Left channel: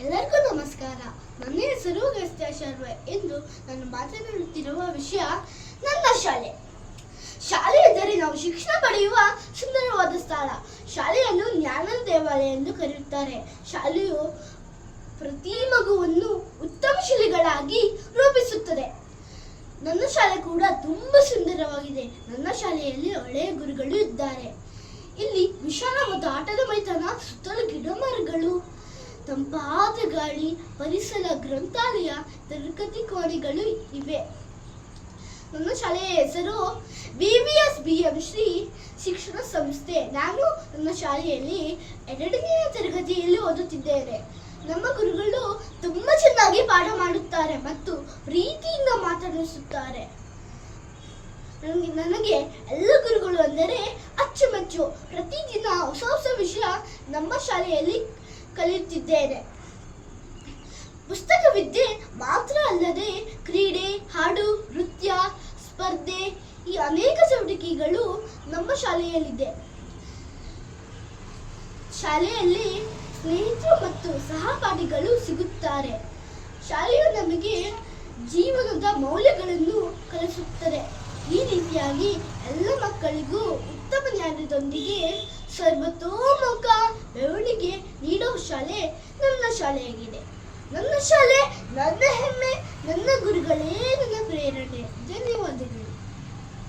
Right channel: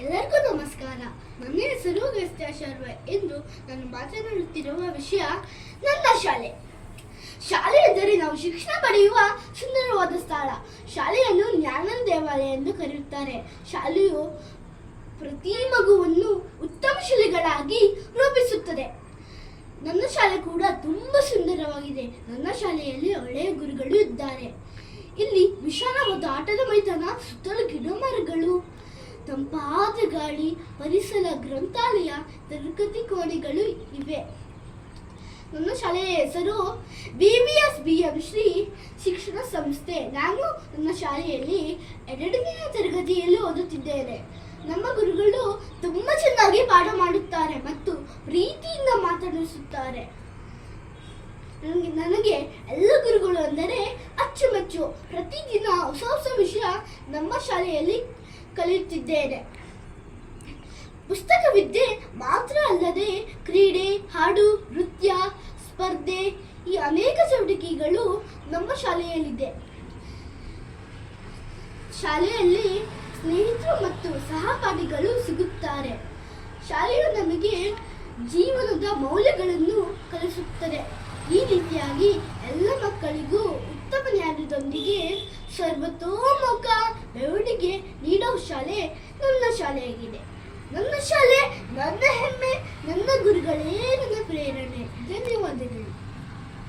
ಎಲ್ಲರಿಗೂ ನಮಸ್ಕಾರ. ನನ್ನ ಹೆಸರು ಗಸ್ತ್ಯ ಶರ್ವ. ಇಂದು ನಾನು ಮಾತನಾಡುತ್ತಿರುವ ವಿಷಯ ನನ್ನ ಶಾಲೆ. ಶಾಲೆ ಎಂದರೆ ನಾವು ಶಿಕ್ಷಣ ಪಡೆಯುವ ಸುಂದರವಾದ ಸ್ಥಳ. ಶಾಲೆಯನ್ನು ಜ್ಞಾನದ ದೇವಾಲಯ ಎಂದು ಕರೆಯುತ್ತಾರೆ. ಶಾಲೆಯು ಪ್ರತಿ ಮಗುವನ್ನು ಉತ್ತಮ ಶಿಲೆಗಳಾಗಿ ರೂಪಿಸುತ್ತದೆ. ನನ್ನ ಶಾಲೆ ಕೂಡ ತುಂಬಾ ಸುಂದರವಾಗಿದೆ. ನನ್ನ ಶಾಲೆಯಲ್ಲಿ ಒಳ್ಳೆಯ ಗುರುಗಳು ಇದ್ದಾರೆ. ಇಲ್ಲಿ ವಿಶಾಲವಾದ ಆಟದ ಮೈದಾನ, ಸುತ್ತಲೂ ಗಿಡ ಮರಗಳು, ತಂಪಾದ ಗಾಳಿ, ಪರಿಸರ, ಗ್ರಂಥಾಲಯ, ತರಗತಿ ಕೋಣೆಗಳು ಇವೆ. ನನ್ನ ಶಾಲೆಯ ಹೆಸರು VVSBM ಶ್ರೀ ಶಿಕ್ಷಣ ಸಂಸ್ಥೆ. ನಾನು ನನ್ನ ಶಾಲೆಯಲ್ಲಿ 2ನೇ ತರಗತಿಯಲ್ಲಿ ಓದುತ್ತಿದ್ದೇನೆ. ನಮ್ಮ ಗುರುಗಳು ತುಂಬಾ ಚೆನ್ನಾಗಿ ಪಾಠ ಮಾಡುತ್ತಾರೆ ಮತ್ತು ಪ್ರೀತಿಯಿಂದ ಮಾತನಾಡಿಸುತ್ತಾರೆ. ನನಗೆ ಎಲ್ಲ ಗುರುಗಳು ಅಂದರೆ ಅಚ್ಚುಮೆಚ್ಚು. ಪ್ರತಿದಿನ ಹೊಸ ಹೊಸ ವಿಷಯ ನಮ್ಮ ಶಾಲೆಯಲ್ಲಿ ಕಲಿಯುತ್ತಿದ್ದೇನೆ. ಪುಸ್ತಕವಿದ್ಯೆ ಮಾತ್ರ ಅಲ್ಲದೆ ಕ್ರೀಡೆ, ಹಾಡು, ನೃತ್ಯ, ಸ್ಪರ್ಧೆ, ಈ ಅನೇಕ ಚಟುವಟಿಕೆಗಳು ನಮ್ಮ ಶಾಲೆಯಲ್ಲಿದೆ. ಶಾಲೆಯಲ್ಲಿ ಸ್ನೇಹಿತರು ಮತ್ತು ಸಹಪಾಠಿಗಳು ಸಿಗುತ್ತಾರೆ. ಶಾಲೆಯು ನಮಗೆ ಜೀವನದ ಮೌಲ್ಯಗಳನ್ನು ಕಲಿಸುತ್ತದೆ. ಈ ರೀತಿಯಾಗಿ ಎಲ್ಲ ಮಕ್ಕಳಿಗೂ ಉತ್ತಮ ಜ್ಞಾನದೊಂದಿಗೆ ಸರ್ವತೋಮುಖ ಬೆಳವಣಿಗೆ ನೀಡುವ ಶಾಲೆ ನನ್ನ ಶಾಲೆಯಾಗಿದೆ. ನನ್ನ ಶಾಲೆ ನನ್ನ ಹೆಮ್ಮೆ, ನನ್ನ ಗುರುಗಳೇ ನನ್ನ ಪ್ರೇರಣೆ. ಧನ್ಯವಾದಗಳು.